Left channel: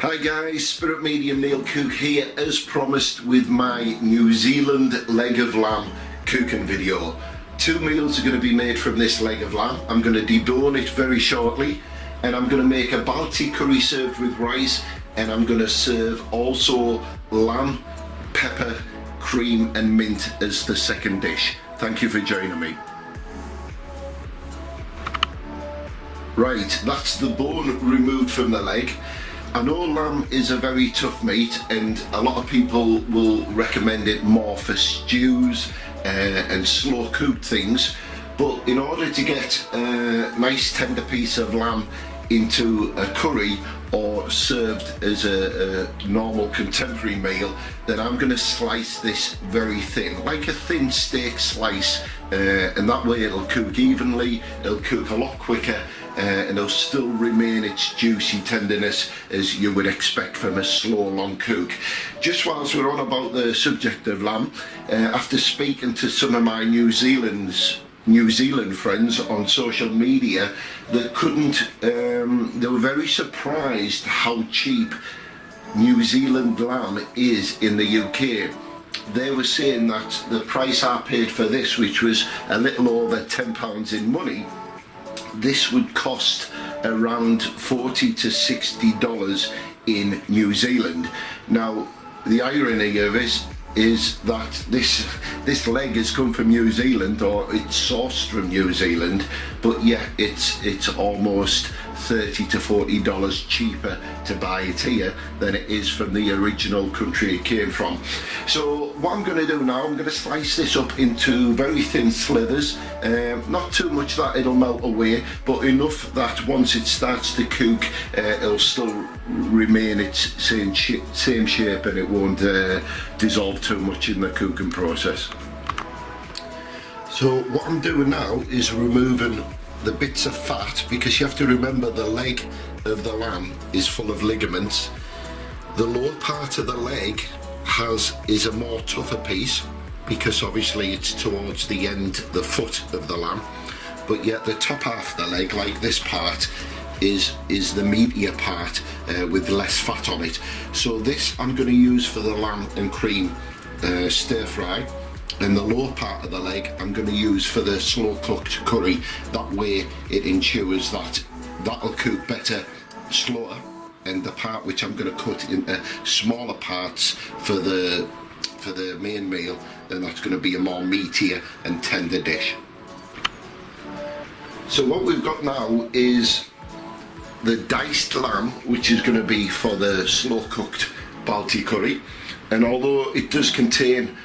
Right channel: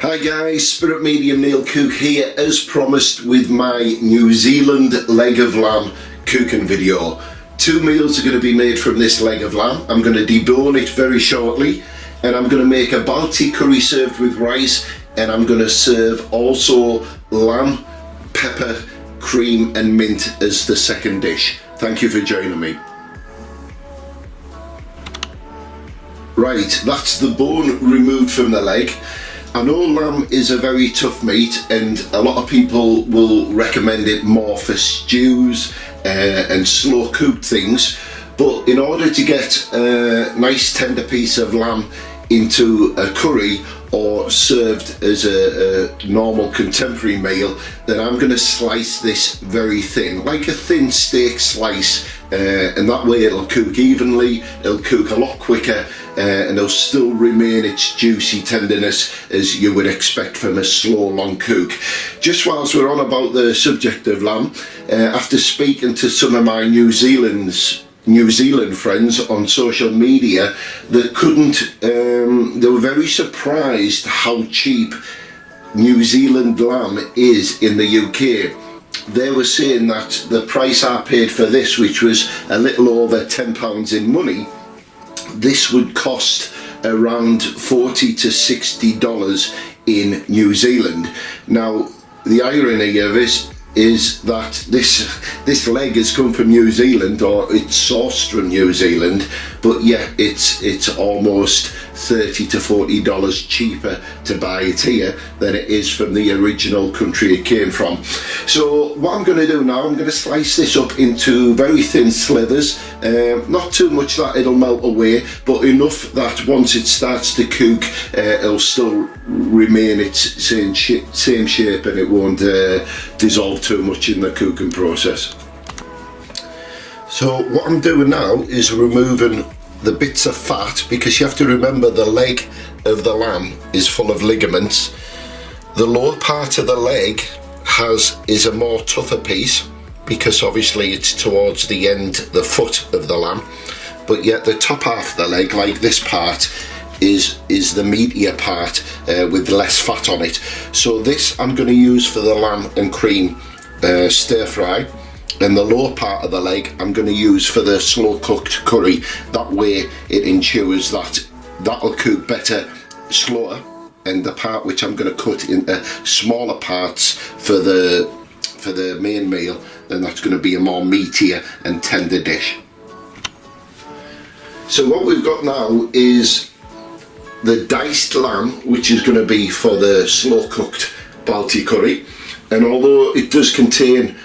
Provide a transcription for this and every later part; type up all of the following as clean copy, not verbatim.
Hi guys, Spirit Medium Neil Cook here as promised with my New Zealand leg of lamb cooking video. 2 meals are going to be made from this leg of lamb. I'm going to debone it very shortly and I'm going to make a Balti curry served with rice, and I'm going to serve also lamb, pepper, cream and mint as the second dish. Thank you for joining me. Right, that's the bone removed from the leg. I know lamb is a very tough meat and a lot of people will recommend it more for stews and slow cooked things, but in order to get a nice tender piece of lamb into a curry or served as a normal contemporary meal, then I'm going to slice this very thin, like a thin steak slice, and that way it'll cook evenly, it'll cook a lot quicker, and it'll still remain its juicy tenderness as you would expect from a slow long cook. Just whilst we're on about the subject of lamb, after speaking to some of my New Zealand friends on social media, they were very surprised how cheap New Zealand lamb is in the UK. They were saying that the price I paid for this, which was a little over £10 in money, this would cost around $40 to $60 in New Zealand. Now the irony of this is that this leg has come from New Zealand, or it's sourced from New Zealand, but yeah, it's almost $30 to $40 cheaper to buy it here than it is from the original country it came from. So what I'm going to do now, I'm going to slice this up into very thin slithers, not too much that it'll melt away, but enough that once it starts to cook, it'll still remain its same shape and it won't dissolve too much in the cooking process. So what I'm doing now is removing the bits of fat, because you have to remember the leg of the lamb is full of ligaments. The lower part of the leg is a more tougher piece, because obviously it's towards the end, the foot of the lamb, but yet the top half of the leg, like this part, is the meatier part with less fat on it. So this I'm going to use for the lamb and cream stir fry, and the lower part of the leg I'm going to use for the slow cooked curry. That way it ensures that that'll cook better slower, and the part which I'm going to cut into smaller parts for the main meal, then that's going to be a more meatier and tender dish. So what we've got now is the diced lamb, which is going to be for the slow cooked Balti curry, and although it does contain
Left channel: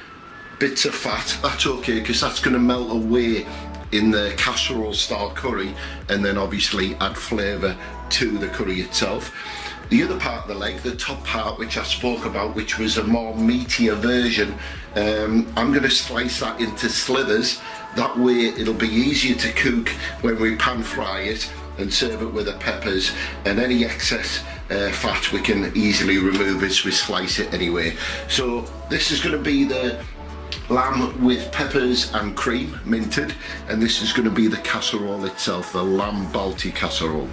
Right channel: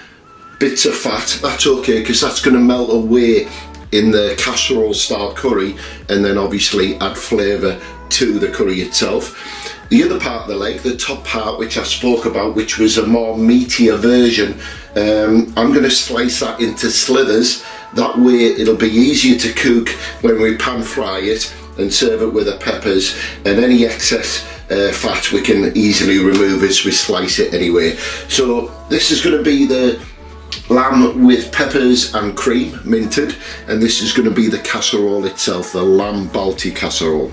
bits of fat, that's okay, because that's going to melt away in the casserole style curry and then obviously add flavour to the curry itself. The other part of the leg, the top part which I spoke about, which was a more meatier version, I'm going to slice that into slithers. That way it'll be easier to cook when we pan fry it and serve it with the peppers, and any excess fat we can easily remove as we slice it anyway. So this is going to be the lamb with peppers and cream minted, and this is going to be the casserole itself, the lamb Balti casserole.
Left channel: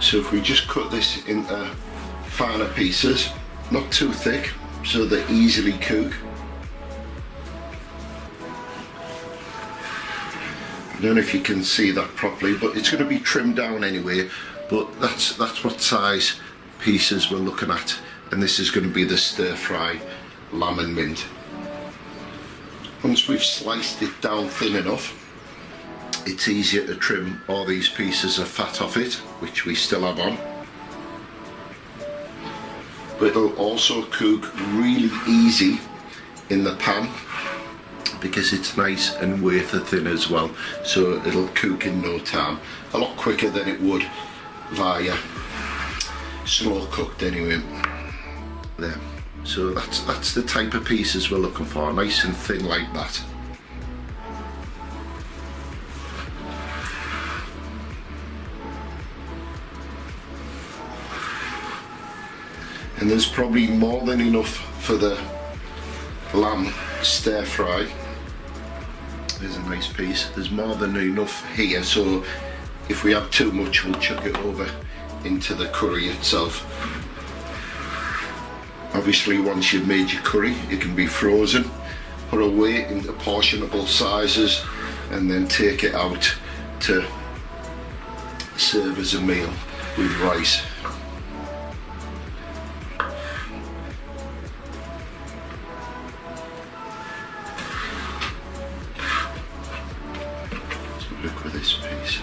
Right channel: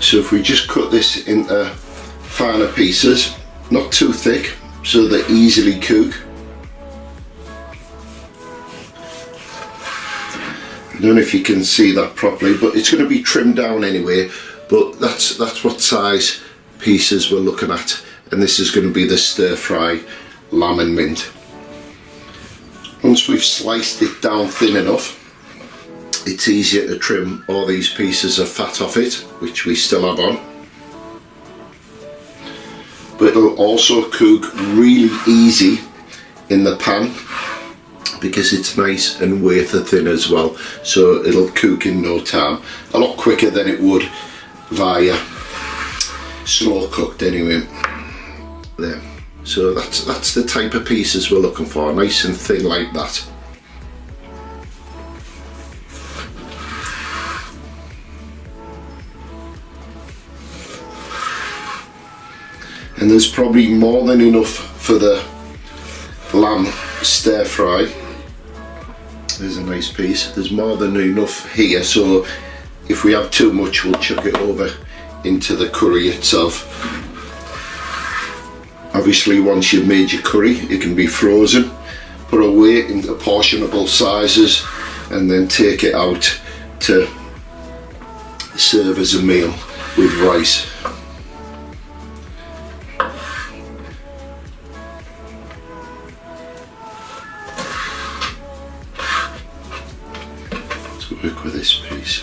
So if we just cut this into finer pieces, not too thick, so they easily cook. I don't know if you can see that properly, but it's going to be trimmed down anyway, but that's what size pieces we're looking at, and this is going to be the stir fry lamb and mint. Once we've sliced it down thin enough, it's easier to trim all these pieces of fat off it, which we still have on, but it'll also cook really easy in the pan because it's nice and wafer thin as well, so it'll cook in no time, a lot quicker than it would via slow cooked anyway. There, so that's the type of pieces we're looking for, nice and thin like that. And there's probably more than enough for the lamb stir fry. There's a nice piece, there's more than enough here, so if we have too much, we'll chuck it over into the curry itself. Obviously, once you've made your curry, it can be frozen, put away into portionable sizes, and then take it out to serve as a meal with rice. Let's work with this piece.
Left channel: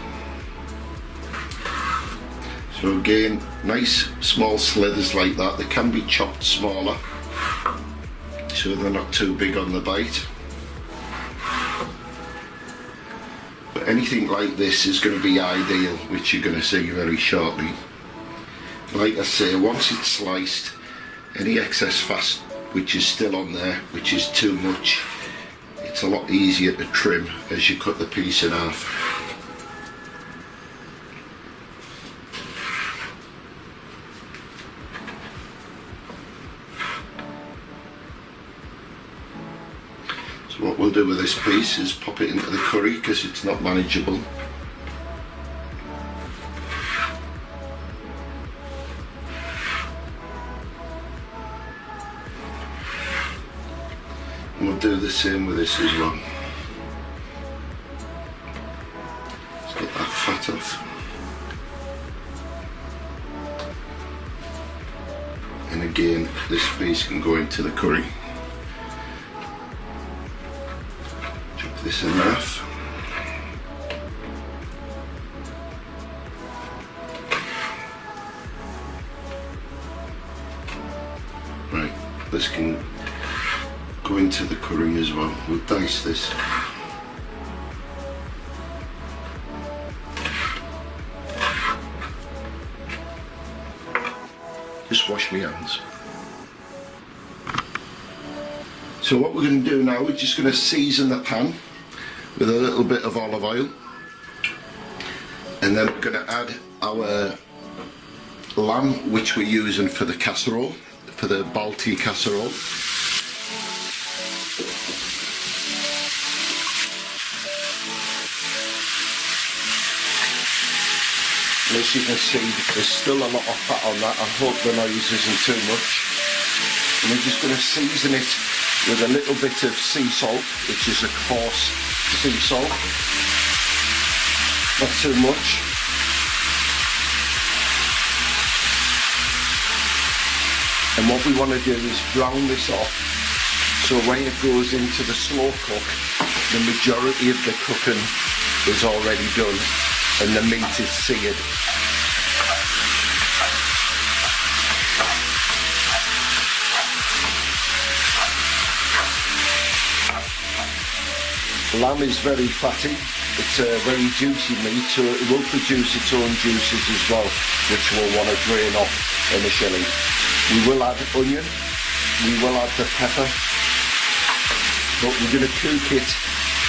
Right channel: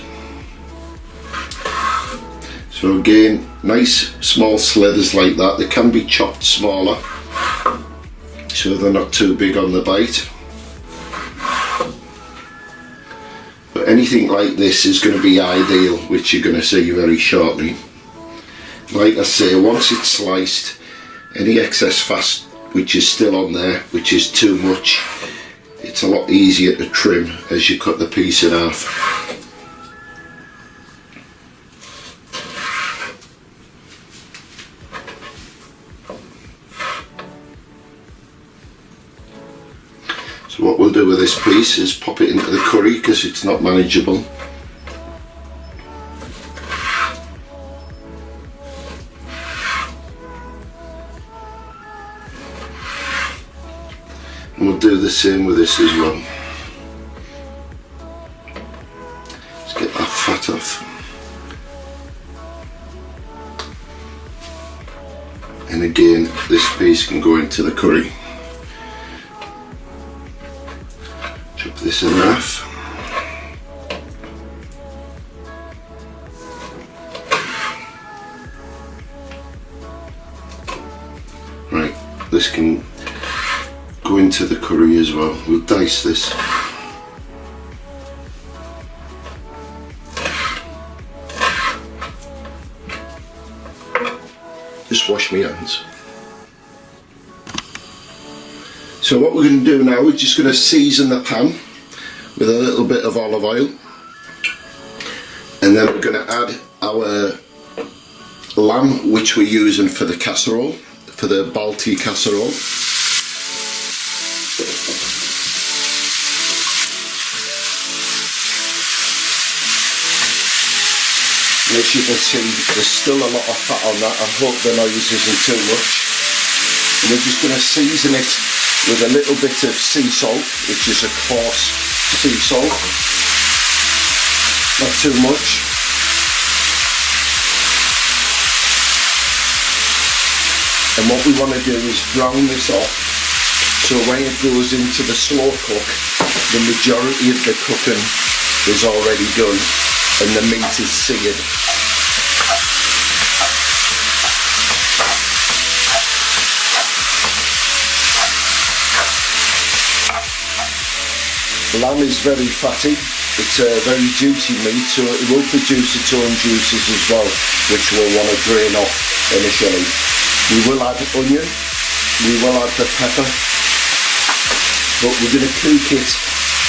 So again, nice small slithers like that. They can be chopped smaller, so they're not too big on the bite. But anything like this is going to be ideal, which you're going to see very shortly. Like I say, once it's sliced, any excess fat which is still on there, which is too much, it's a lot easier to trim as you cut the piece in half. So what we'll do with this piece is pop it into the curry because it's not manageable. And we'll do the same with this as well. Let's get that fat off. And again, this piece can go into the curry. Chop this in half. Right, this can go into the curry as well. We'll dice this. Just wash my hands. So what we're going to do now, we're just going to season the pan with a little bit of olive oil, and then we're going to add our lamb, which we're using for the casserole, for the Balti casserole. And as you can see, there's still a lot of fat on that. I hope the noise isn't too much. And we're just going to season it with a little bit of sea salt, which is a coarse sea salt, not too much. And what we want to do is brown this off, so when it goes into the slow cook, the majority of the cooking is already done and the meat is seared. Lamb is very fatty, it's a very juicy meat, so it will produce its own juices as well, which we'll want to drain off initially. We will add onion, we will add the pepper, but we're going to cook it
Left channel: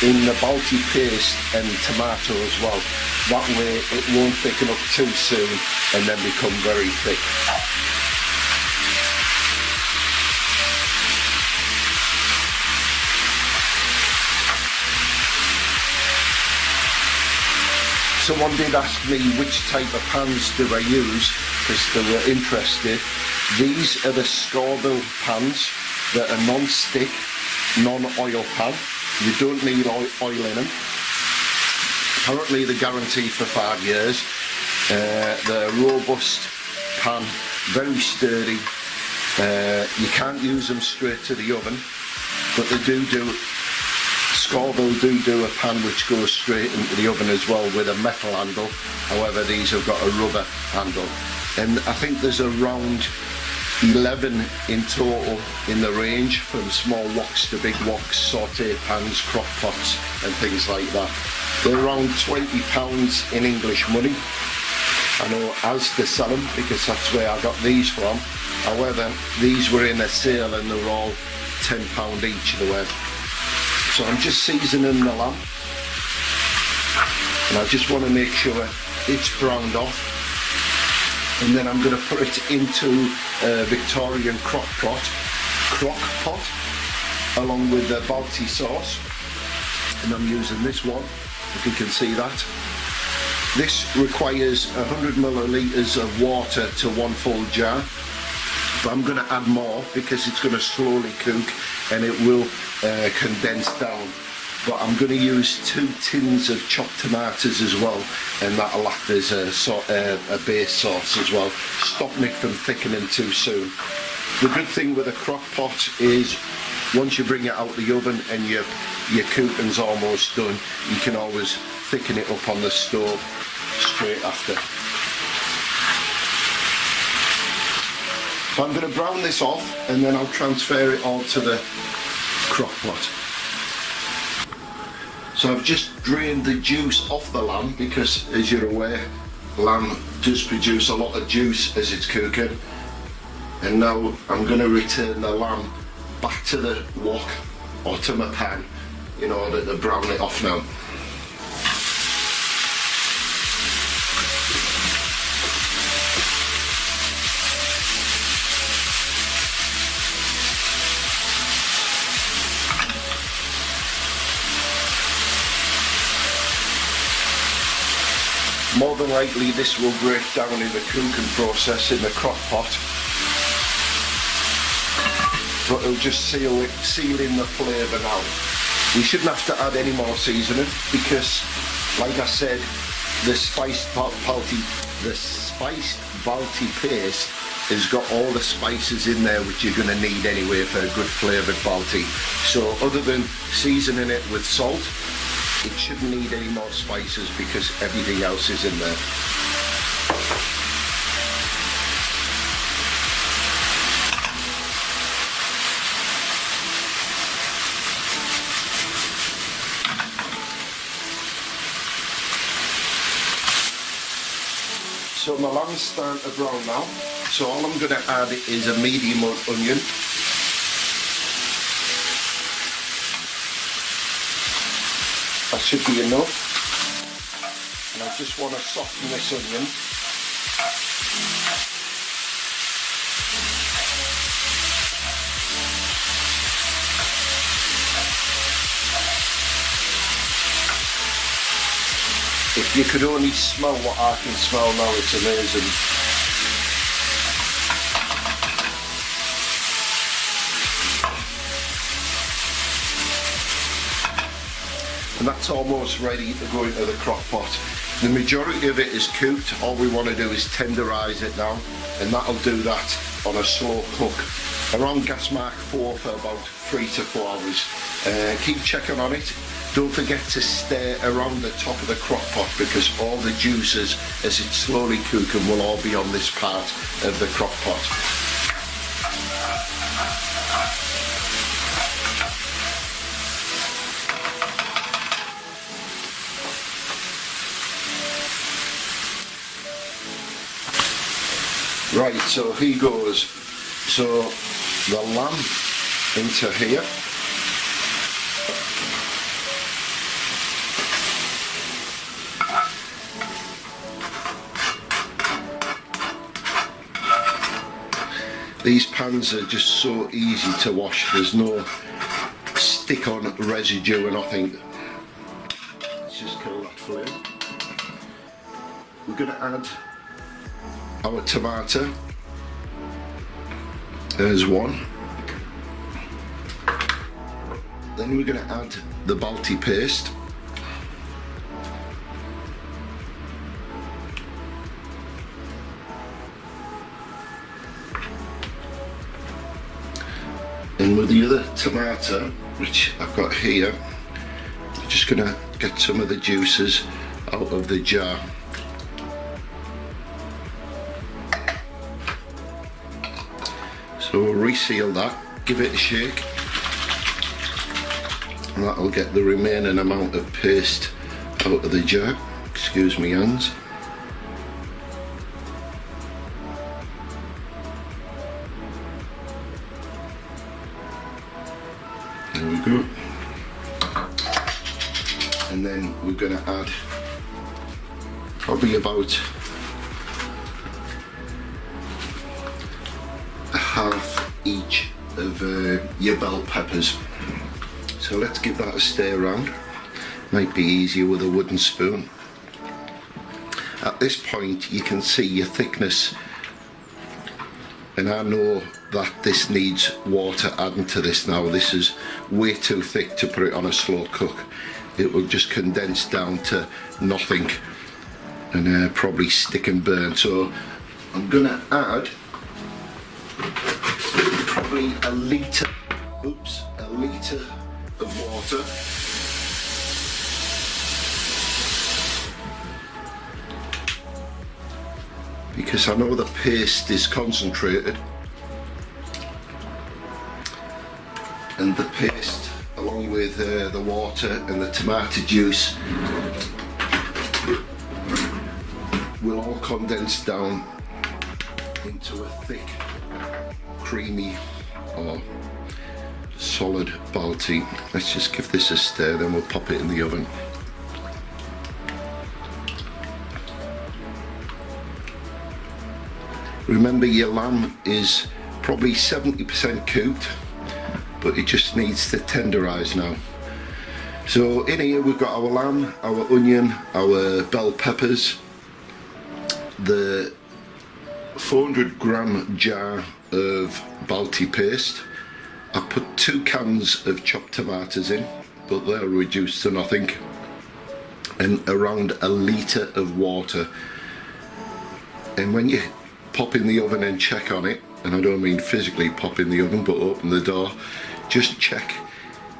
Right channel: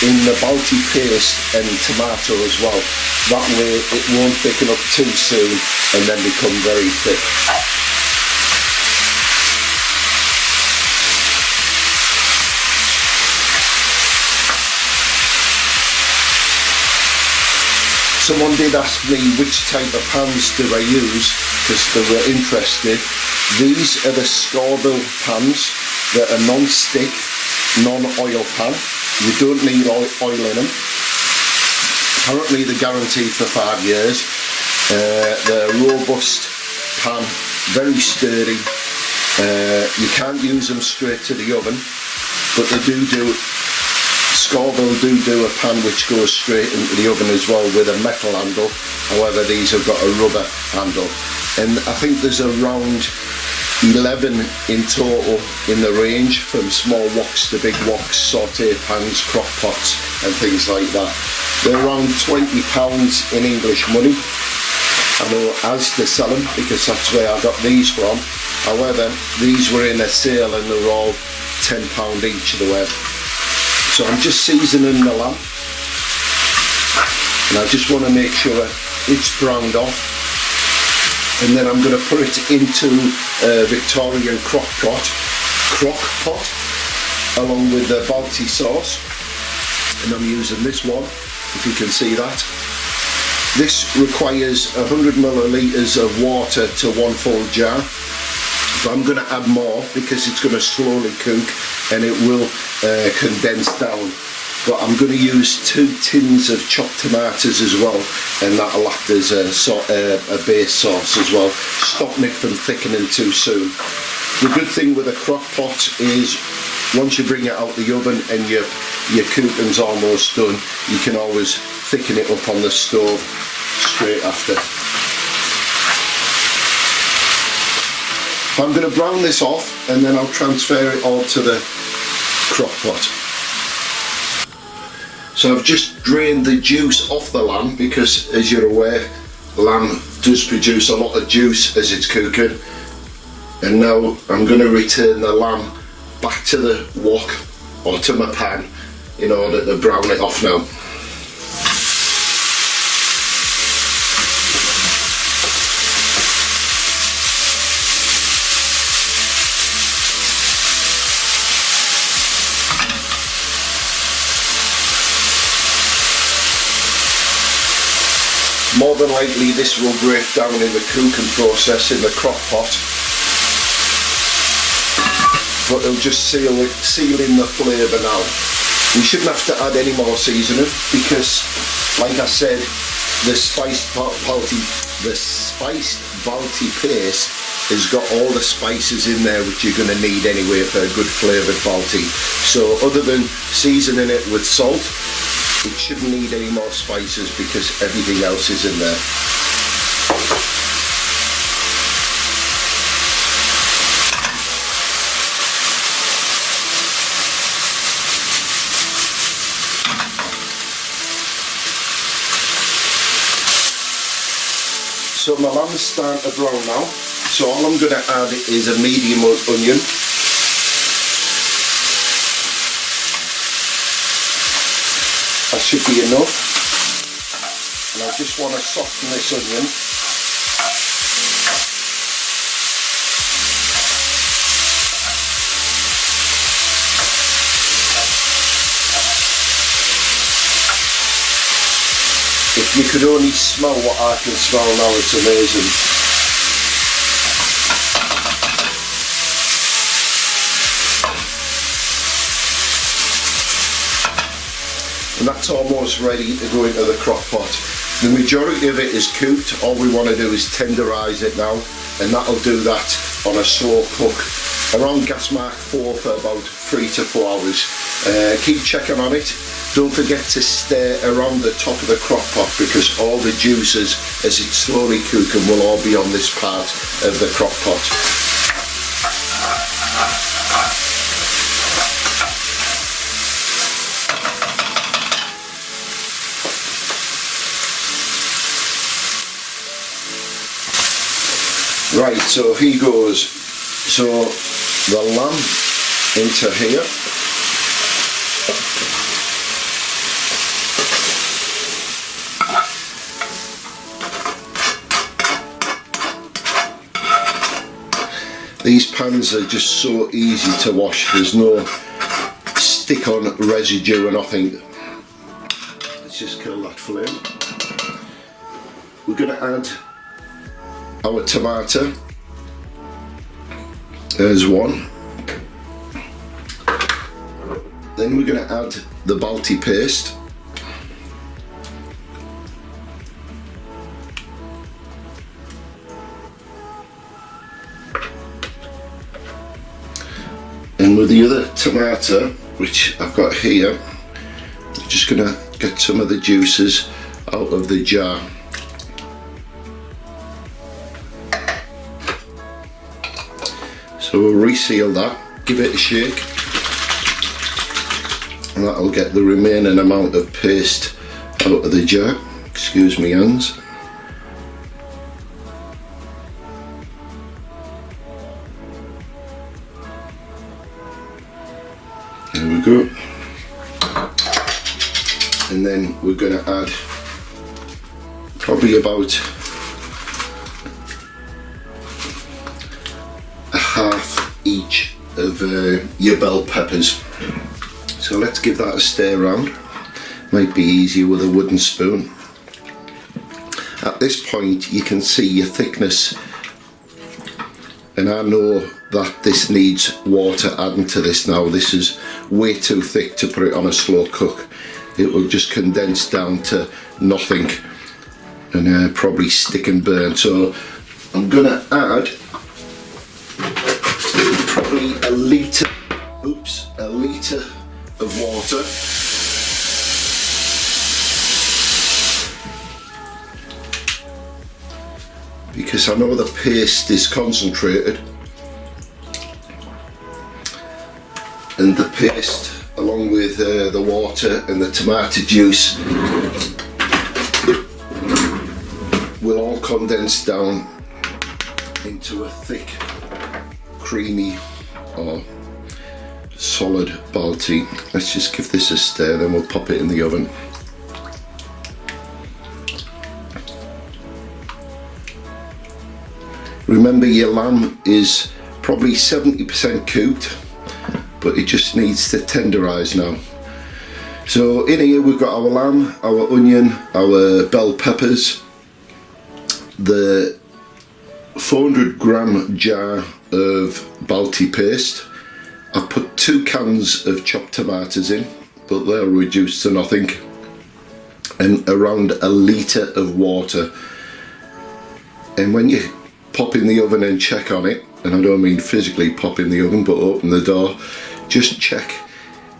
in the Balti paste and tomato as well. That way it won't thicken up too soon and then become very thick. Someone did ask me which type of pans do I use, because they were interested. These are the Scoville pans that are non-stick, non-oil pan. You don't need oil in them. Apparently they're guaranteed for 5 years. They're a robust pan, very sturdy. You can't use them straight to the oven, but they do Scoville do a pan which goes straight into the oven as well with a metal handle. However, these have got a rubber handle, and I think there's around 11 in total in the range, from small woks to big woks, saute pans, crock pots and things like that. They're around £20 in English money. I know as to sell them because that's where I got these from. However, these were in a sale and they were all £10 each they were. So I'm just seasoning the lamb, and I just want to make sure it's browned off, and then I'm going to put it into a Victorian crock pot along with the Balti sauce, and I'm using this one, if you can see that. This requires 100 millilitres of water to 1 full jar, but I'm going to add more because it's going to slowly cook and it will condense down. But I'm going to use 2 tins of chopped tomatoes as well, and that'll act as a base sauce as well, stopping it from thickening too soon. The good thing with a crock pot is once you bring it out the oven and your cooking's almost done, you can always thicken it up on the stove straight after. So I'm going to brown this off and then I'll transfer it all to the crock pot. So I've just drained the juice off the lamb because, as you're aware, lamb does produce a lot of juice as it's cooking. And now I'm going to return the lamb back to the wok or to my pan in order to brown it off now. More than likely this will break down in the cooking process in the crock pot, but it'll just seal in the flavour now. We shouldn't have to add any more seasoning because, like I said, the spiced Balti paste has got all the spices in there which you're going to need anyway for a good flavoured Balti. So other than seasoning it with salt, it shouldn't need any more spices because everything else is in there. So my lamb's starting to brown now, so all I'm going to add is a medium onion. That should be enough, and I just want to soften this onion. If you could only smell what I can smell now, it's amazing. And that's almost ready to go into the crock pot. The majority of it is cooked. All we want to do is tenderise it now, and that'll do that on a slow cook around gas mark 4 for about 3 to 4 hours. Keep checking on it. Don't forget to stir around the top of the crock pot because all the juices, as it's slowly cooking, will all be on this part of the crock pot. Right, so here goes. So the lamb into here. These pans are just so easy to wash. There's no stick on residue or nothing. Let's just kill that flame. We're going to add our tomato. There's one. Then we're going to add the Balti paste. And with the other tomato, which I've got here, I'm just going to get some of the juices out of the jar. So we'll reseal that, give it a shake, and that'll get the remaining amount of paste out of the jar. Excuse me hands. There we go. And then we're going to add probably about a half each of your bell peppers. So let's give that a stir around. Might be easier with a wooden spoon. At this point you can see your thickness, and I know that this needs water adding to this now. This is way too thick to put it on a slow cook. It will just condense down to nothing and probably stick and burn. So I'm gonna add probably a litre of water. Because I know the paste is concentrated, and the paste along with the water and the tomato juice will all condense down into a thick, creamy or solid Balti. Let's just give this a stir, then we'll pop it in the oven. Remember, your lamb is probably 70% cooked, but it just needs to tenderise now. So in here we've got our lamb, our onion, our bell peppers, the 400 gram jar of Balti paste. I've put 2 cans of chopped tomatoes in, but they'll reduce to nothing, and around a litre of water. And when you pop in the oven and check on it, and I don't mean physically pop in the oven but open the door, just check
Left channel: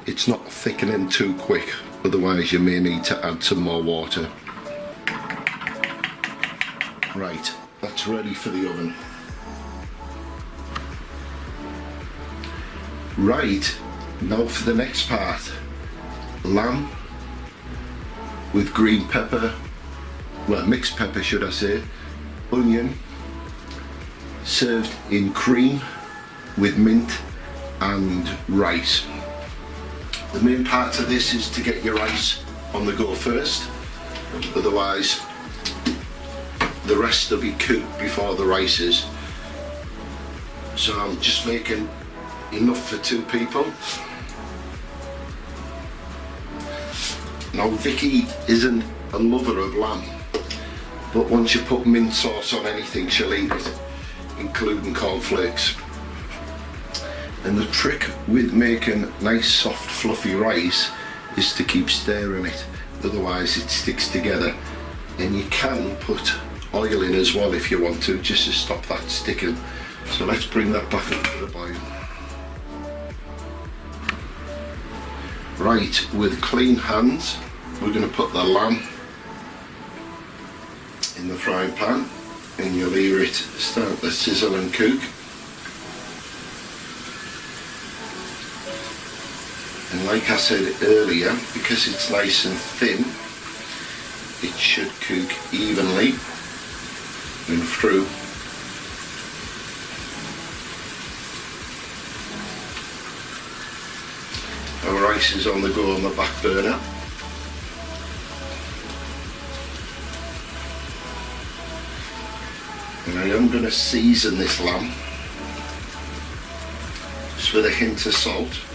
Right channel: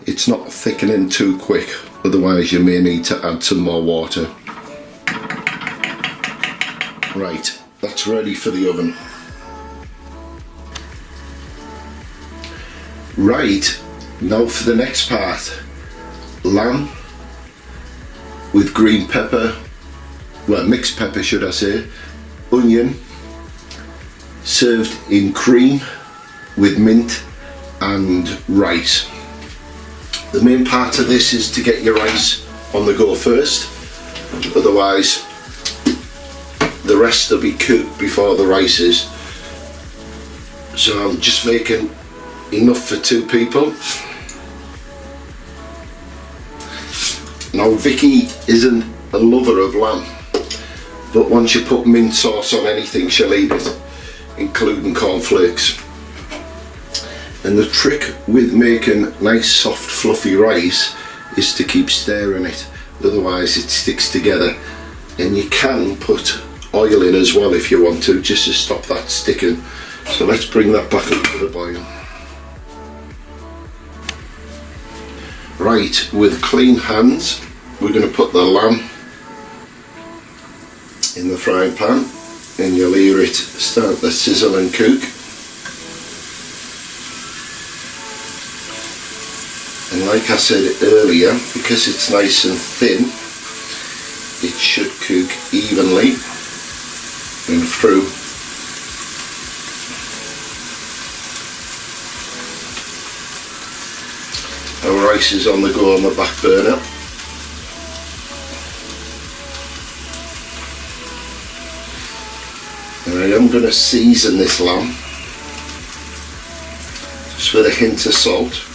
it's not thickening too quick, otherwise you may need to add some more water. Right, that's ready for the oven. Right, now for the next part. Lamb with green pepper, well, mixed pepper should I say, onion, served in cream with mint and rice. The main part of this is to get your rice on the go first, otherwise the rest will be cooked before the rice is. So I'm just making enough for 2 people. Now Vicky isn't a lover of lamb, but once you put mint sauce on anything she'll eat it, including cornflakes. And the trick with making nice soft fluffy rice is to keep stirring it, otherwise it sticks together. And you can put oil in as well if you want to, just to stop that sticking. So let's bring that back up to the boil. Right, with clean hands we're going to put the lamb in the frying pan, and you'll hear it start to sizzle and cook. And like I said earlier, because it's nice and thin, it should cook evenly and through. Our rice is on the go on the back burner. And I am going to season this lamb just with a hint of salt.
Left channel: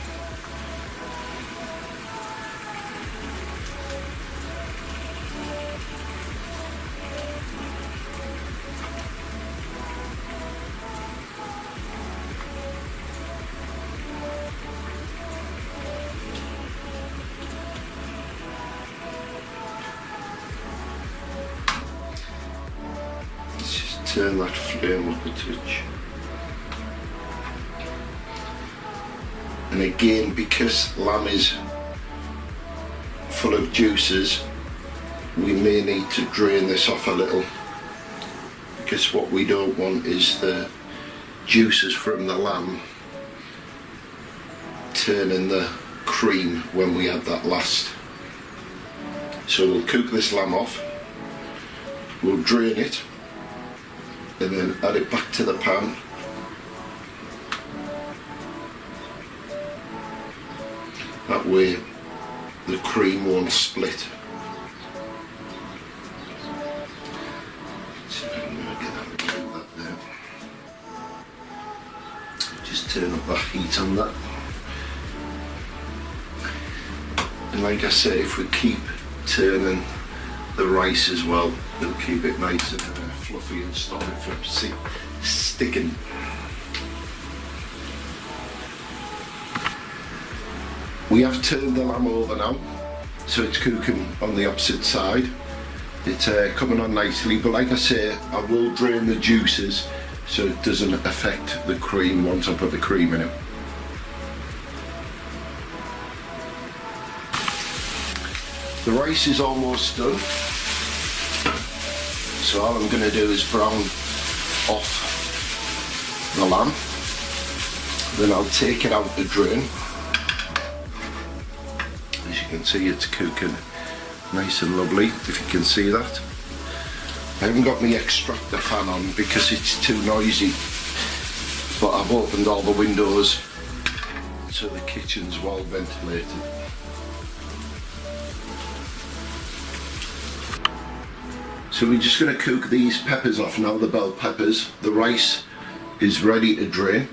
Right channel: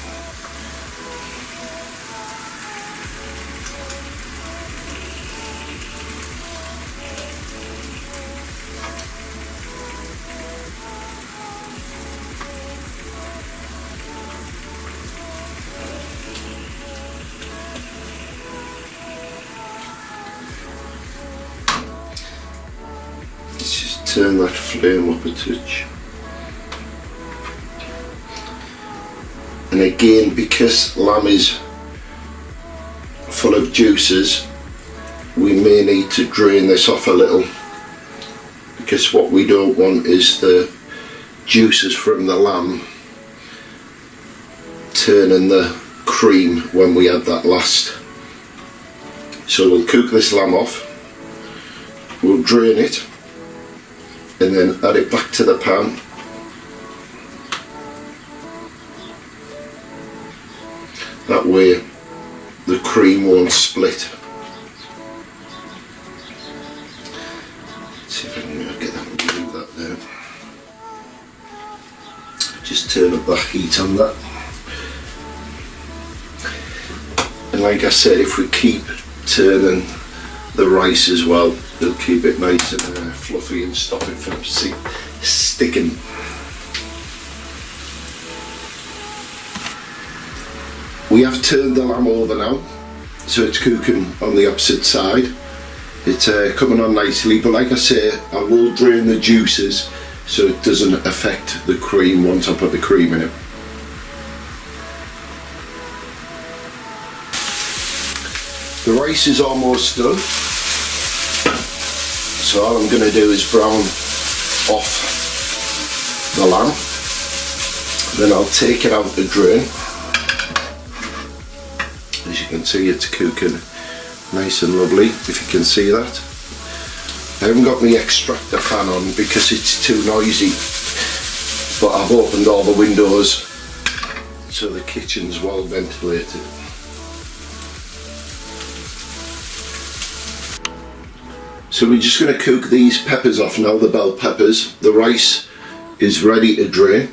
Turn that flame up a touch. And again, because lamb is full of juices, we may need to drain this off a little, because what we don't want is the juices from the lamb turning the cream when we add that last. So we'll cook this lamb off, we'll drain it, and then add it back to the pan. That way the cream won't split. Let's see if I can get that and move that down. Just turn up the heat on that. And like I said, if we keep turning the rice as well, It'll keep it nice and fluffy and stop it from sticking. We have turned the lamb over now, so it's cooking on the opposite side. It's coming on nicely, but like I say, I will drain the juices so it doesn't affect the cream once I put the cream in it. The rice is almost done, so all I'm going to do is brown off the lamb, then I'll take it out the drain. As you can see, it's cooking nice and lovely, if you can see that. I haven't got my extractor fan on because it's too noisy, but I've opened all the windows so the kitchen's well ventilated. So we're just going to cook these peppers off now, the bell peppers. The rice is ready to drain.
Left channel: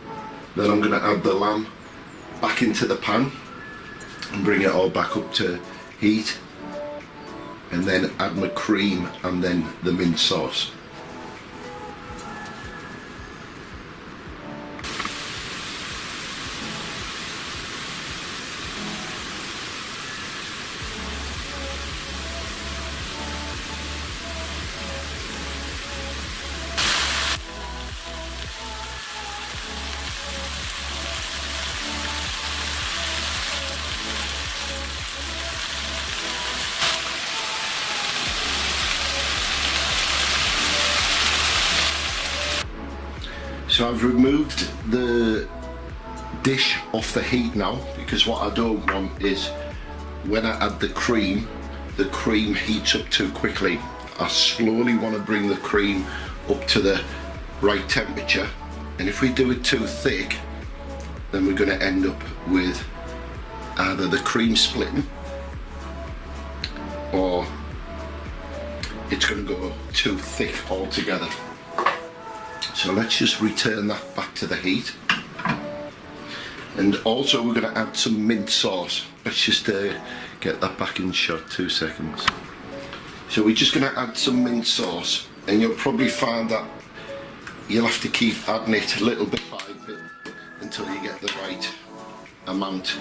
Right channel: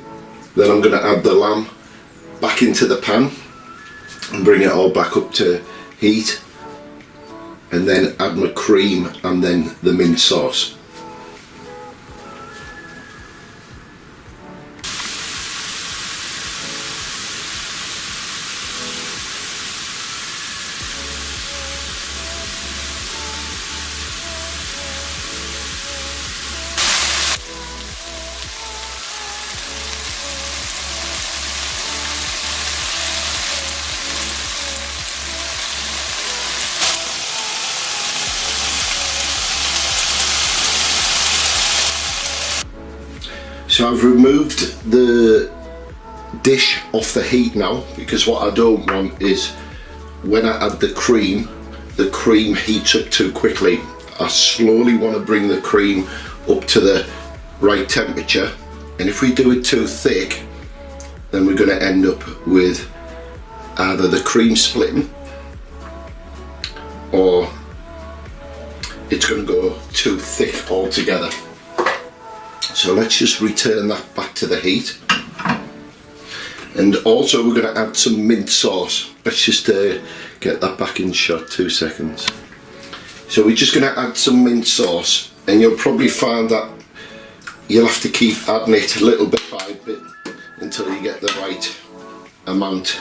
Then I'm going to add the lamb back into the pan and bring it all back up to heat, and then add my cream and then the mint sauce. So I've removed the dish off the heat now, because what I don't want is when I add the cream heats up too quickly. I slowly want to bring the cream up to the right temperature, and if we do it too thick, then we're going to end up with either the cream splitting or it's going to go too thick altogether. So let's just return that back to the heat. And also we're going to add some mint sauce. Let's just get that back in shot, 2 seconds. So we're just going to add some mint sauce, and you'll probably find that you'll have to keep adding it little bit by bit until you get the right amount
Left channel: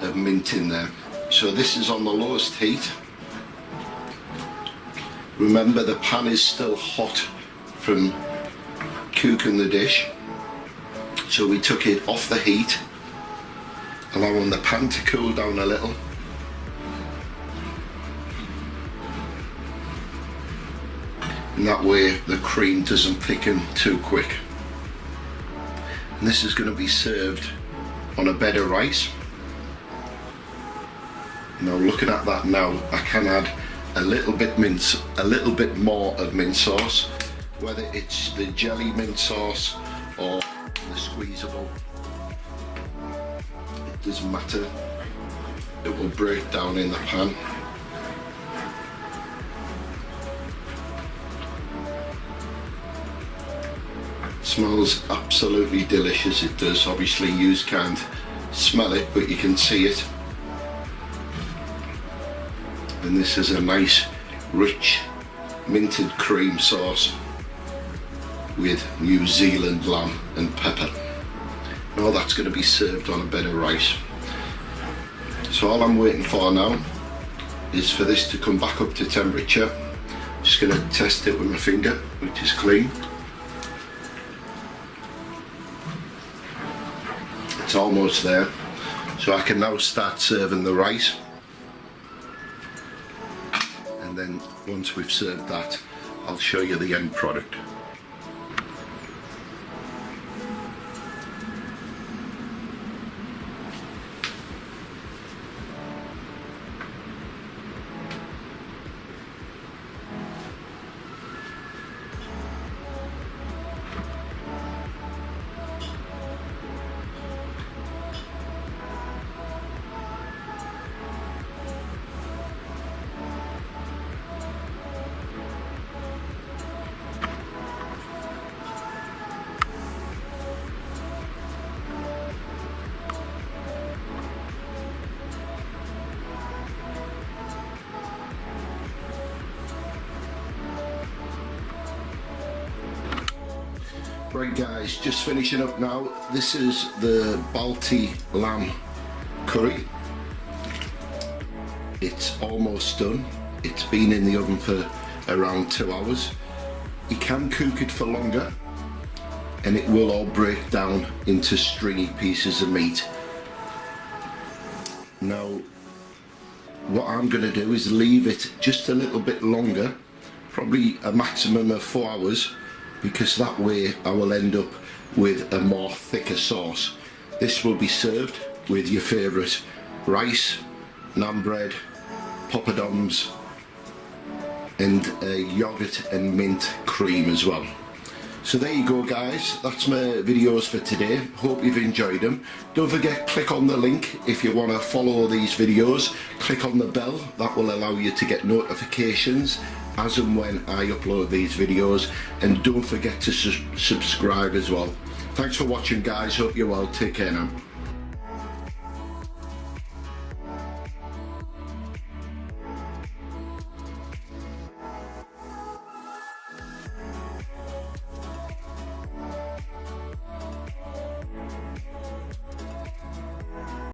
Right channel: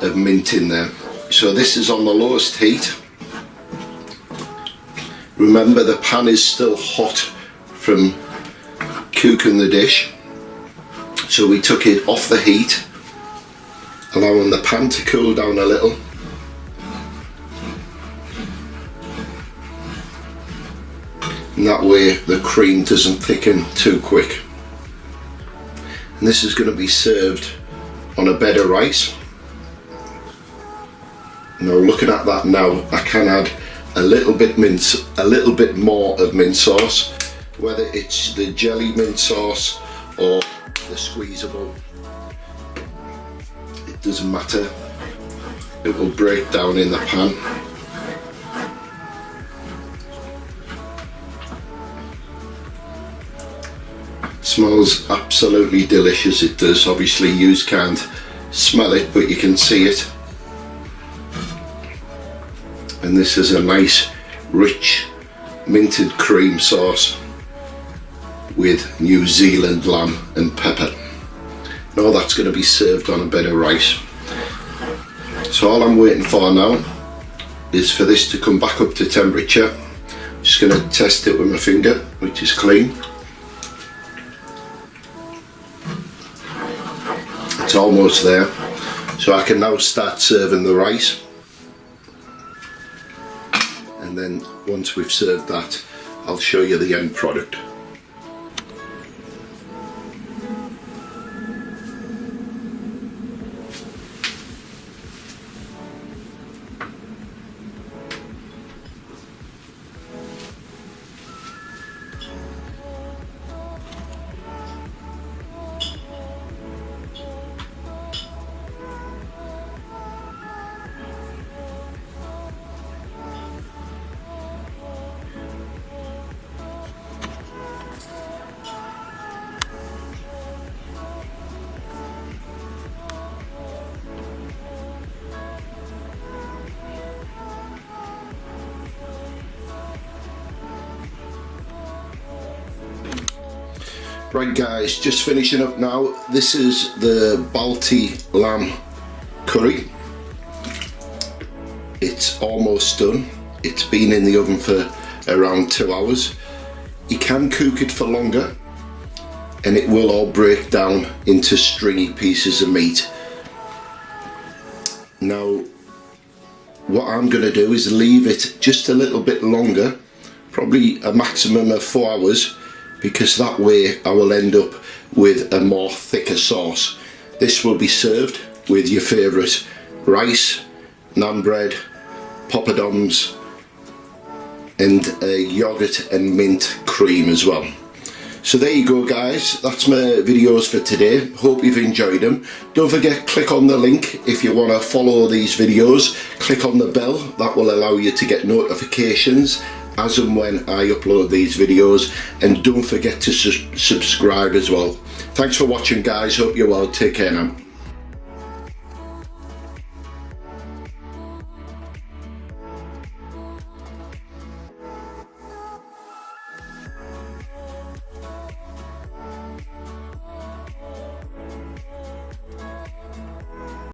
of mint in there. So this is on the lowest heat. Remember, the pan is still hot from cooking the dish, so we took it off the heat, allowing the pan to cool down a little. And that way the cream doesn't thicken too quick. And this is going to be served on a bed of rice. Now looking at that now, I can add a little bit more of mint sauce, whether it's the jelly mint sauce or the squeezable, it doesn't matter, it will break down in the pan. It smells absolutely delicious, it does. Obviously you can't smell it, but you can see it. And this is a nice rich minted cream sauce with New Zealand lamb and pepper. Now that's going to be served on a bed of rice. So all I'm waiting for now is for this to come back up to temperature. I'm just going to test it with my finger, which is clean. It's almost there, so I can now start serving the rice. And then once we've served that, I'll show you the end product. Right guys, just finishing up now. This is the Balti lamb curry. It's almost done. It's been in the oven for around 2 hours. You can cook it for longer and it will all break down into stringy pieces of meat. Now what I'm going to do is leave it just a little bit longer, probably a maximum of 4 hours, because that way I will end up with a more thicker sauce. This will be served with your favourite rice, naan bread, poppadoms and a yogurt and mint cream as well. So there you go guys, that's my videos for today. Hope you've enjoyed them. Don't forget, click on the link if you want to follow these videos. Click on the bell, that will allow you to get notifications as and when I upload these videos. And don't forget to subscribe as well. Thanks for watching guys, hope you're well, take care now.